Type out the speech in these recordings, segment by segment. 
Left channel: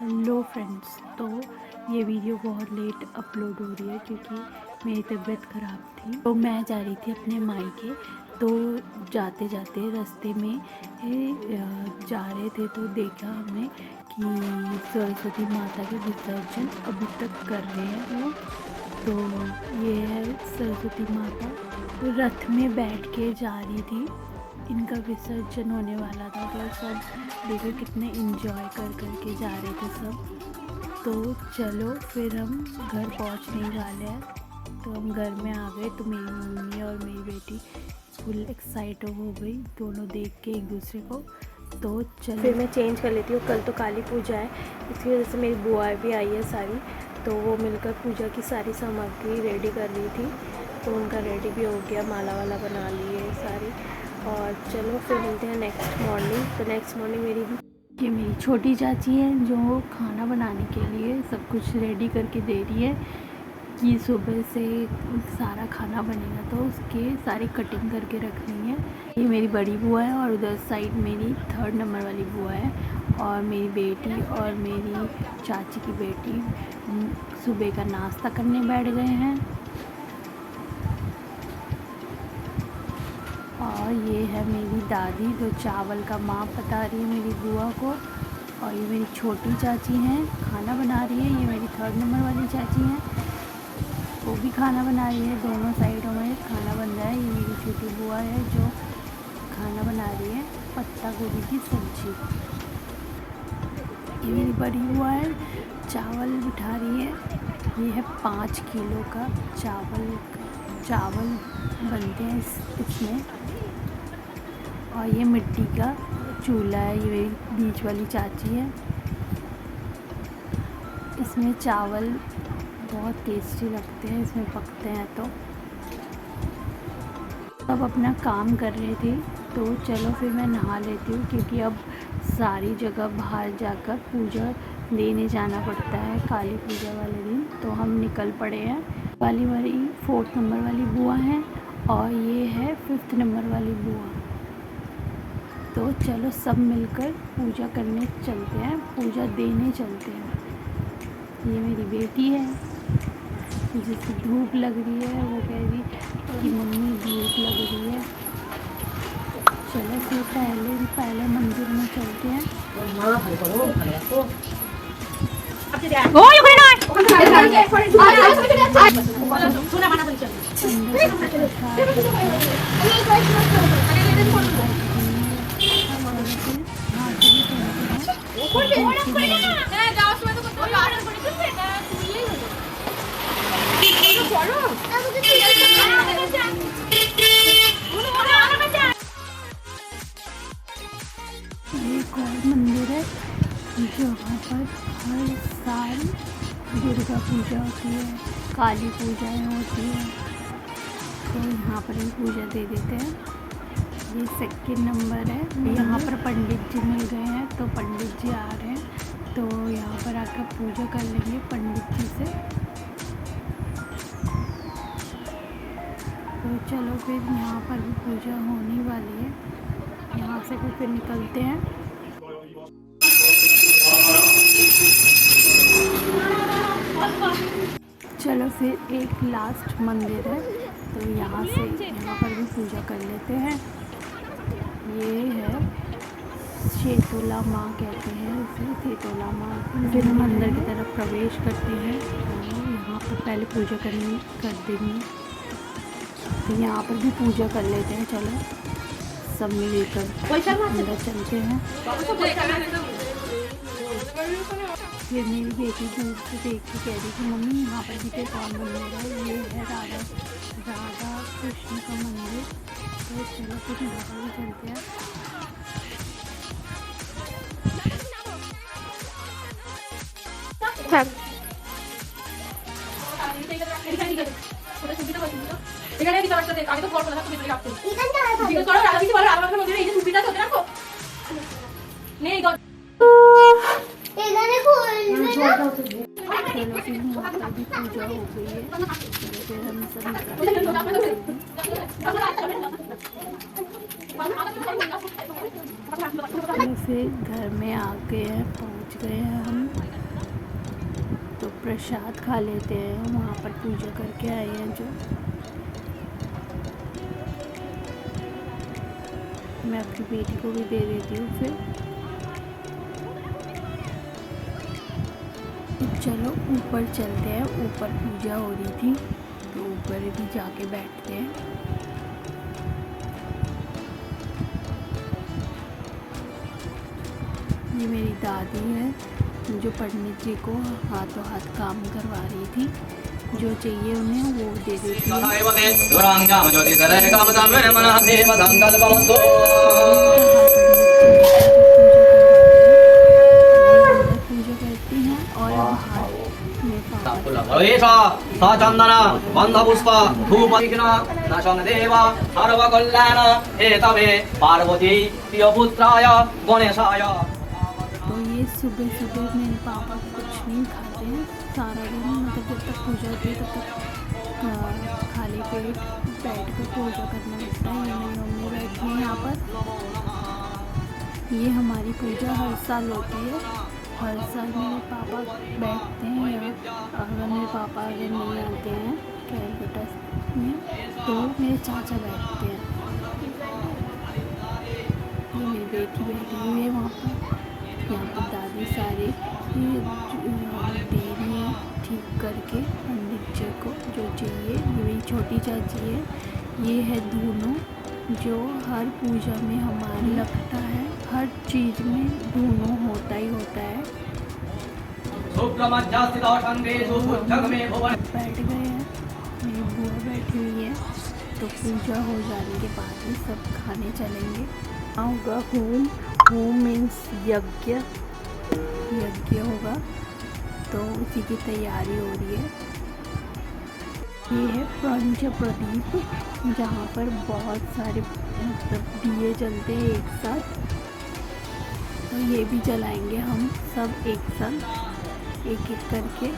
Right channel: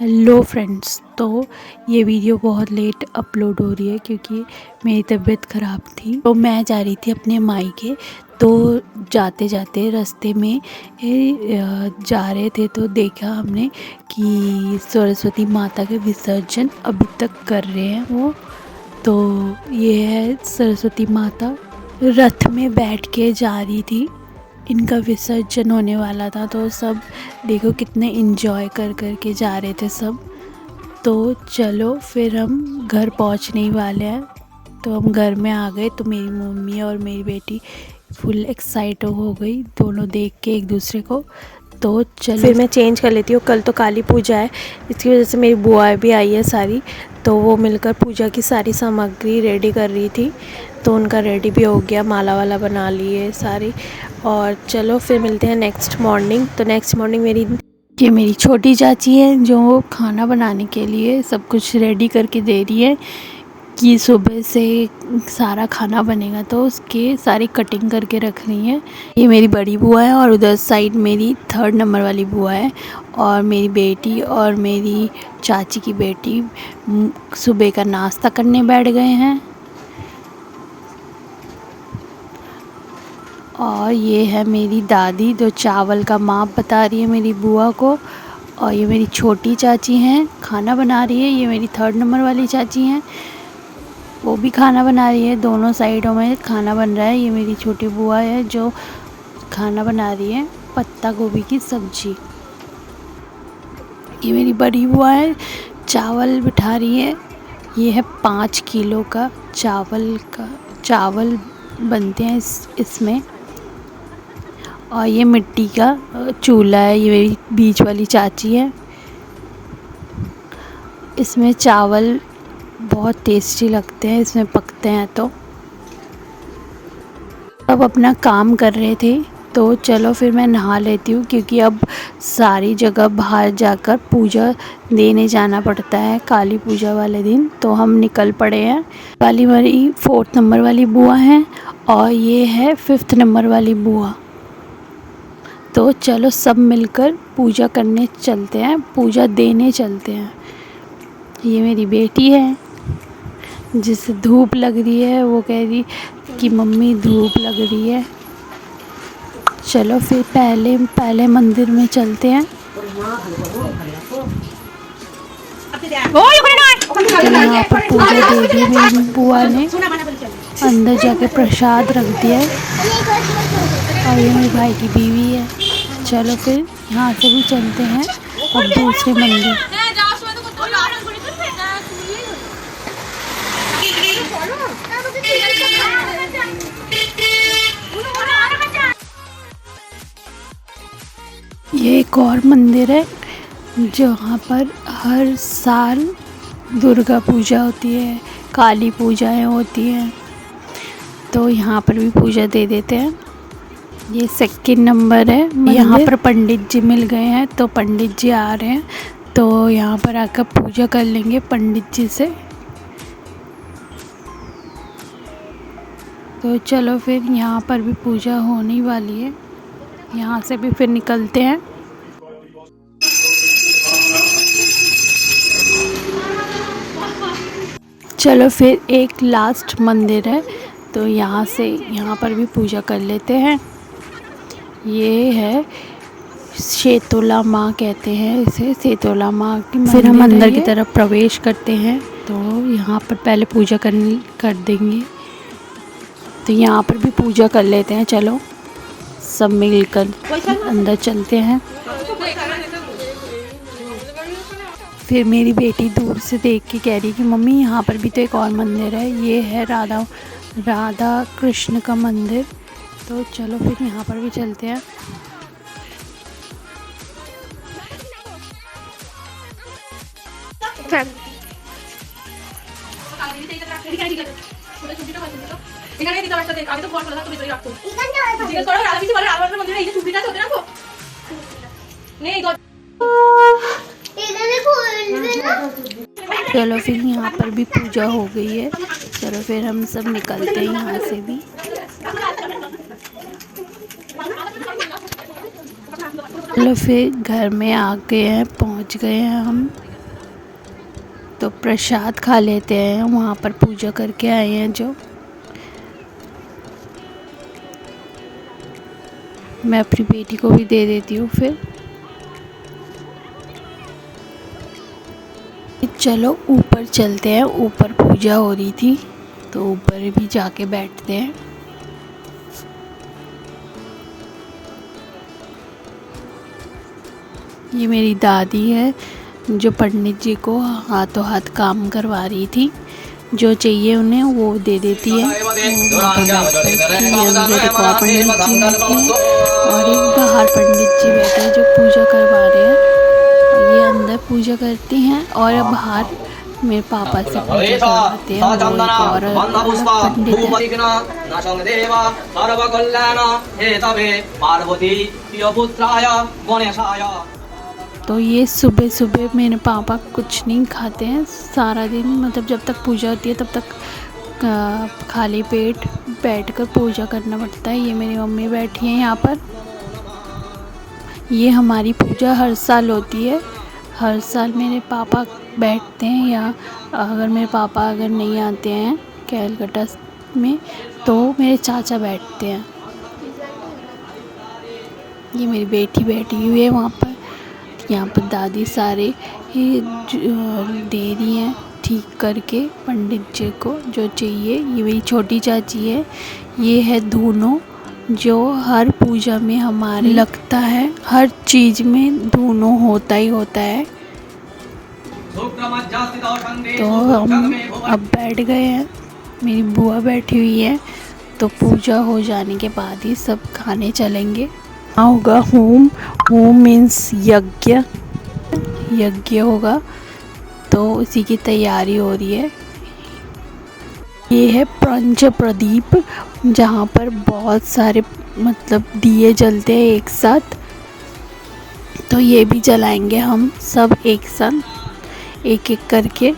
Hello friends. तो ये video बहुत लेट अपलोड हो रही है क्योंकि मेरी तबीयत ख़राब थी। तो मैं जा रही थी अपने मायके। तो जाते जाते रास्ते में जा रहे थे तो देखा हमने कि सरस्वती माता के विसर्जन अभी तक कर रहे हैं वो। तो ये है सरस्वती माता रथ में बैठ के जा रही थी। इनका विसर्जन होने वाला था तो सब देखो कितने एंजॉय कर कर के जा रहे थे सब। तो चलो फिर हम घर पहुंचने ही वाले हैं। तो हम घर में आ गए तो मेरी मम्मी और मेरी बेटी फुल एक्साइट हो गई दोनों देख के एक दूसरे को। तो चलो फिर मैं चेंज कर लेती हूँ। कल तो काली पूजा है, इसकी वजह से मेरी बुआ भी आई है सारी। तो वो मिलकर पूजा की सारी सामग्री रेडी कर रही थी। तो उनका रेडी भी हो गया, माला वाला बना लिए सारी। और चलो फिर मिलते हैं नेक्स्ट मॉर्निंग। तो नेक्स्ट मॉर्निंग ये मेरी छोटी चाची है जो खाना बनाने के लिए सब कुछ रेडी करके दे रही है कि सुबह से सारा खाना बनेगा तो उसके सारी कटिंग करके रख रही है। ये मेरी बड़ी बुआ है और उधर साइड मेरी 3rd नंबर वाली बुआ है और मेरी बेटी और मेरी चाची की बेटी सुबह का नाश्ता करने बैठ गए हैं। और ये है मेरी दादी जो चावल का माप बता रही है मेरी बुआ को। और ये मेरी छोटी चाची हैं खाना बना रही है। ये मेरी 3rd नंबर वाली चाची हैं, वो भी खाना बना रही है। दोनों साइडों में खाना बन रहा है। ये मेरी छोटी बुआ है जो खाना बना रही है पत्ता गोभी की सब्जी। ये मेरी बड़ी बुआ है चावल बिठा रही है। ये है 5 किलो का चावल बनते हैं इसमें। और ये मिट्टी का चूल्हा है। ये मेरी बीच वाली चाची है। इसमें चावल बहुत टेस्टी लगते हैं इसमें पकते हैं। तो अब अपना काम कर रहे थे तो चलो फिर मैं नहा लेती हूँ क्योंकि अब सारी जगह बाहर जाकर पूजा देने जाना पड़ता है काली पूजा वाले दिन। तो हम निकल पड़े हैं। वाली मेरी 4th नंबर वाली बुआ है और ये है 5th नंबर वाली बुआ। तो चलो सब मिलकर पूजा करने चलते हैं, पूजा देने चलते हैं। ये मेरी बेटी है जिसे धूप लग रही है, वो कह रही कि मम्मी धूप लग रही है। चलो फिर पहले मंदिर में चलते हैं। यहाँ पर पूजा दे दी मेरी बुआ ने, अंदर जाकर प्रसाद रख दिया है। और ये मेरे भाई की बीवी है। चलो फिर यहाँ से भी चलते हैं और दूसरे मंदिर। ये एक और मंदिर है जहाँ पर हर साल दुर्गा पूजा होती है, काली पूजाएं होती हैं। तो यहाँ पर भी पूजा दे देते हैं। ये 2nd नंबर है। यहाँ पर पंडित जी मिल गए हैं तो पंडित जी आ रहे हैं तो यहाँ पर आकर पूजा कर लेंगे पंडित जी से। तो चलो फिर यहाँ पर भी पूजा होने वाली है। यहाँ से भी फिर निकलते हैं। चलो फिर एक लास्ट मंदिर है तो यहाँ पर भी पूजा कर लेते हैं। ये है शेतोला माँ कहते हैं इसे, शेतोला माँ की। फिर हम अंदर की तरफ प्रवेश करते हैं तो यहाँ पर पहले पूजा कर देंगे। तो यहाँ पर भी पूजा कर लेते हैं। चलो सब मिलकर अंदर चलते हैं। फिर मेरी बेटी दूर से देख के कह रही कि मम्मी यहाँ पर भी तो एक और मंदिर है, ये है राधा कृष्ण का मंदिर। तो चलो फिर यहाँ पर भी चलते हैं। चलो फिर यहाँ पर भी पूजा हो गई है। चलो फिर हम सब निकलते हैं यहाँ से भी। चलो फिर घर में आ गए हैं, पहुँच पहुंच गए हैं हम। तो प्रसाद खा लेते हैं, वहाँ पर पूजा करके आए हैं जो। मैं अपनी बेटी को भी दे देती हूँ फिर। चलो ऊपर चलते हैं, ऊपर पूजा हो रही थी तो ऊपर भी जाके बैठते हैं। ये मेरी दादी है जो पंडित जी को हाथों हाथ काम करवा रही थी। जो चाहिए उन्हें वो दे देती है। और एक बाहर पंडित जी बैठे जो पूजा करवा रहे हैं। ये अंदर पूजा करती हैं और बाहर मेरे पापा से पूजा करते हैं। तो ये सुबह सुबह मेरे पापा कुछ नहीं खाते हैं सारा दिन, मतलब जब तक पूजा होती है तब तक खाली पेट बैठकर पूजा करना पड़ता है। ये मेरी मम्मी बैठी है यहाँ पर। ये हमारी पूजा हर साल होती है। हर साल मेरे पापा बैठते हैं, या अगर मेरे पापा अगर नहीं आते हैं कैलकाटा में तो मेरे चाचा बैठते हैं। ये मेरी बेटी बैठी हुई है वहाँ पर। यहाँ पर दादी सारे ही दे रही हैं ठीक करके पंडित जी को जो चाहिए। ये मेरी छोटी चाची है। ये है दोनों जो हर पूजा में हमारे लगता है, हर चीज़ में दोनों होता ही होता है। तो हम अब बैठ गए हैं, मेरी बुआ बैठी हुई है। तो पूजा हो जाने के बाद ही सब खाने चलेंगे। होगा होम, होम मीन्स यज्ञ, यज्ञ होगा तो उसी की तैयारी हो रही है। ये है पंच प्रदीप जहाँ पर बहुत सारे मतलब दिए जलते हैं एक साथ। तो ये भी जलाएंगे हम सब एक साथ एक एक करके।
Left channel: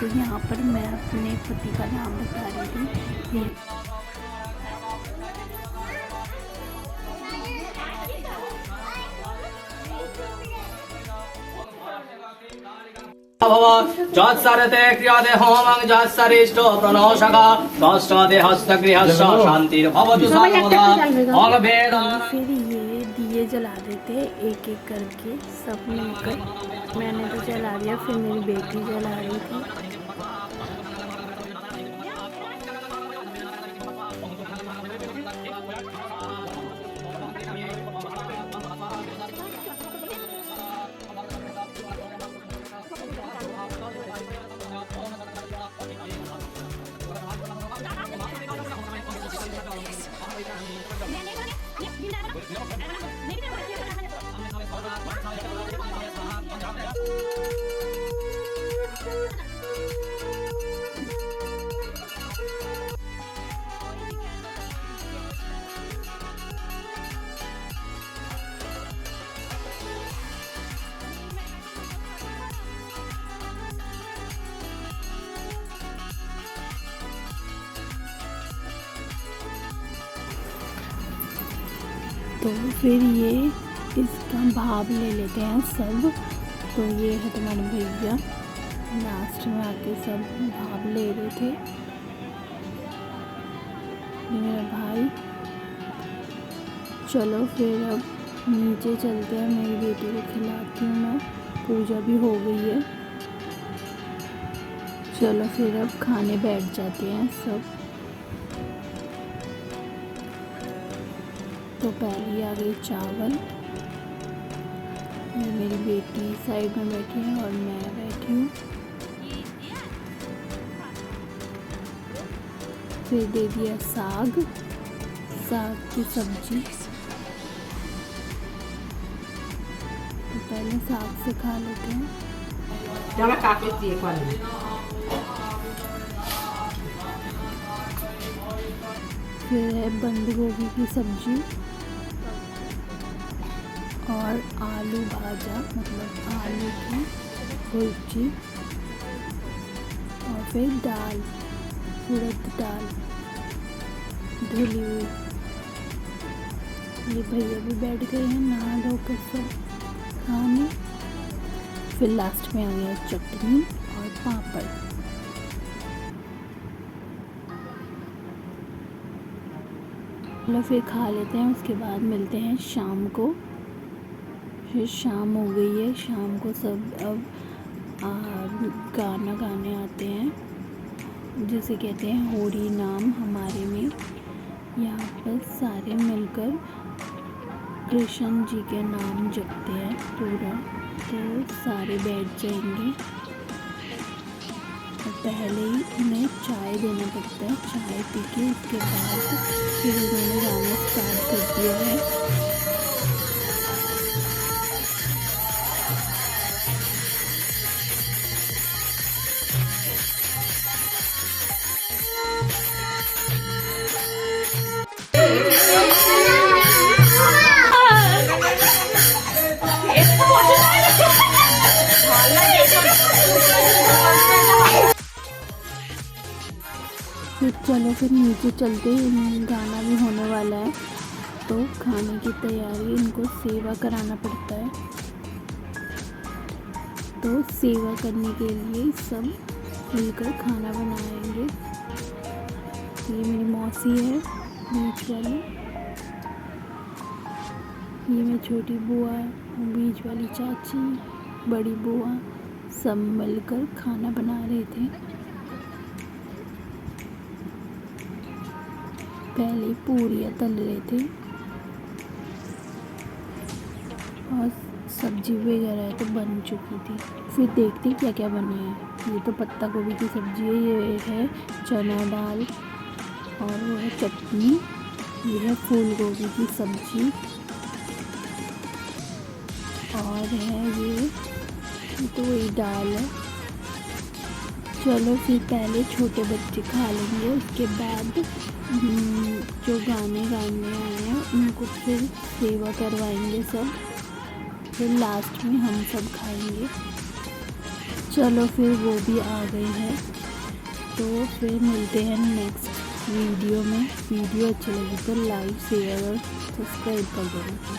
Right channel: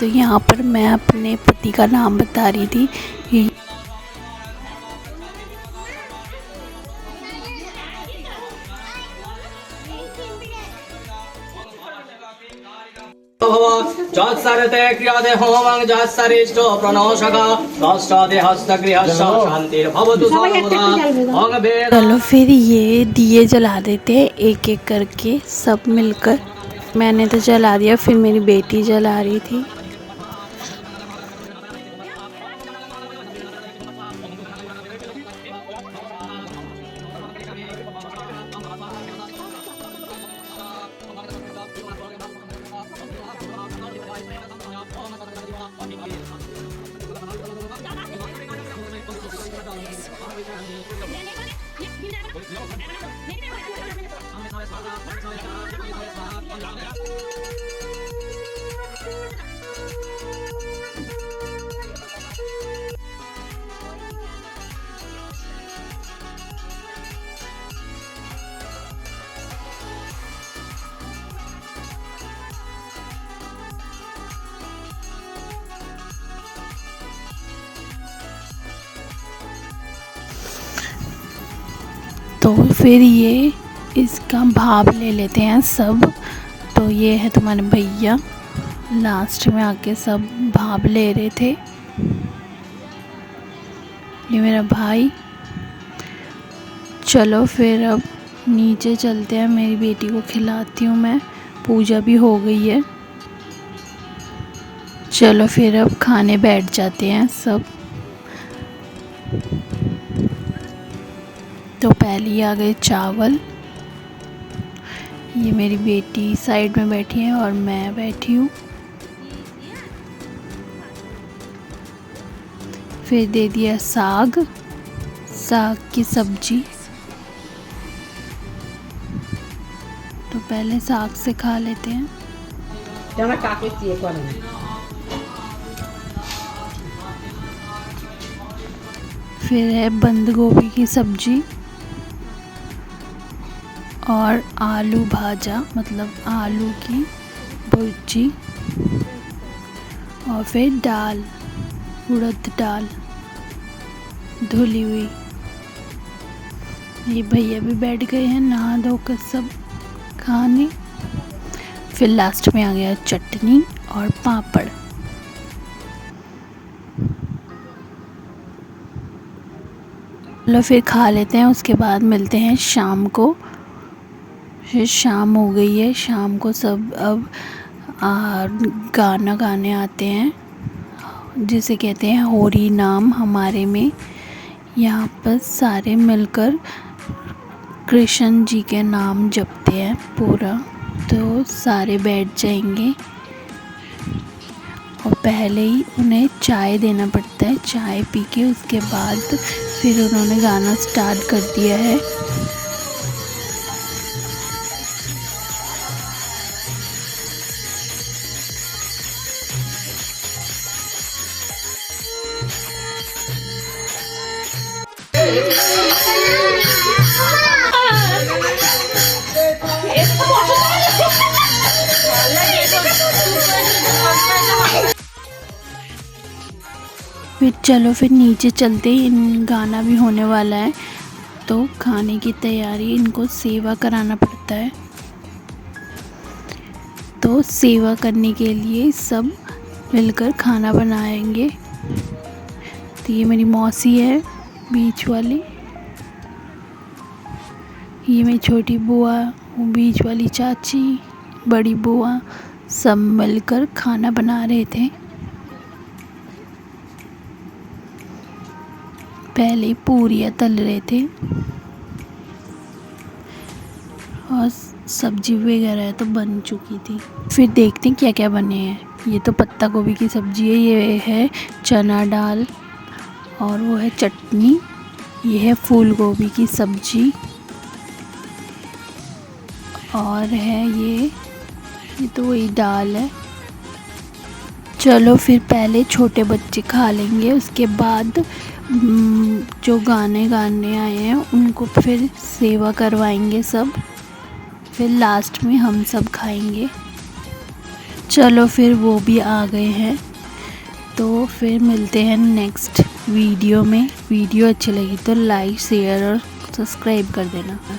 तो यहाँ पर मैं अपने पति का नाम बता रही थी। जत्सरते क्रियते होमं जत्सरिष्टो प्रणोषका षष्ठते हस्तगृहस्य शान्तिर्भवतु सर्वदा। चलो फिर ये दिए जला देते हैं एक एक करके सब मिलकर। मैंने तो जला दिया, फिर मेरी बेटी जला रही थी। तो फिर ये इसका भाप ले लेते हैं सब। तो ये है तुम्हारे भैया, लास्ट में आके सब भाप ले रहे थे। ये मेरा भाई। चलो फिर अब नीचे चलते हैं, मेरी बेटी को खिलाती हूँ मैं। पूजा भी हो गई है। चलो फिर अब खाने बैठ जाते हैं सब। तो पहले आ गए चावल। ये मेरी बेटी साइड में बैठी है और मैं बैठी हूँ। फिर दे दिया साग, साग की सब्जी। तो पहले साग से खा लेते हैं। फिर है बंद गोभी की सब्जी और आलू भाजा, मतलब आलू की भुर्जी। और फिर दाल, उड़द दाल धुली हुई। ये भैया भी बैठ गए हैं नहा धोकर सब खाने। फिर लास्ट में आ गया चटनी और पापड़। चलो फिर खा लेते हैं, उसके बाद मिलते हैं शाम को। फिर शाम हो गई है, शाम को सब अब गाना गाने आते हैं जिसे कहते हैं होरी नाम हमारे में। यहाँ पर सारे मिलकर कृष्ण जी के नाम जपते हैं पूरा। तो सारे बैठ जाएंगे और पहले ही उन्हें चाय देना पड़ता है। चाय पी के उसके बाद फिर उन्होंने गाना स्टार्ट कर दिया है। फिर चलो फिर नीचे चलते ही इन गाना भी होने वाला है, तो खाने की तैयारी, इनको सेवा कराना पड़ता है। तो सेवा करने के लिए सब मिलकर खाना बनाएंगे। तो ये मेरी मौसी है बीच वाली, ये मेरी छोटी बुआ, बीच वाली चाची, बड़ी बुआ, सब मिलकर खाना बना रहे थे। पहले पूरियाँ तल रहे थे और सब्जी वगैरह तो बन चुकी थी। फिर देखते हैं क्या क्या बने हैं। ये तो पत्ता गोभी की सब्जी है, ये है चना दाल, और वो है चटनी, ये है फूल गोभी की सब्जी, और है ये तो वही दाल है। चलो फिर पहले छोटे बच्चे खा लेंगे, उसके बाद जो गाने गाने आए हैं उनको फिर सेवा करवाएंगे सब, फिर लास्ट में हम सब खाएंगे। चलो फिर वो भी आ गए हैं, तो फिर मिलते हैं नेक्स्ट वीडियो में। वीडियो अच्छी लगी तो लाइक शेयर और सब्सक्राइब कर देना।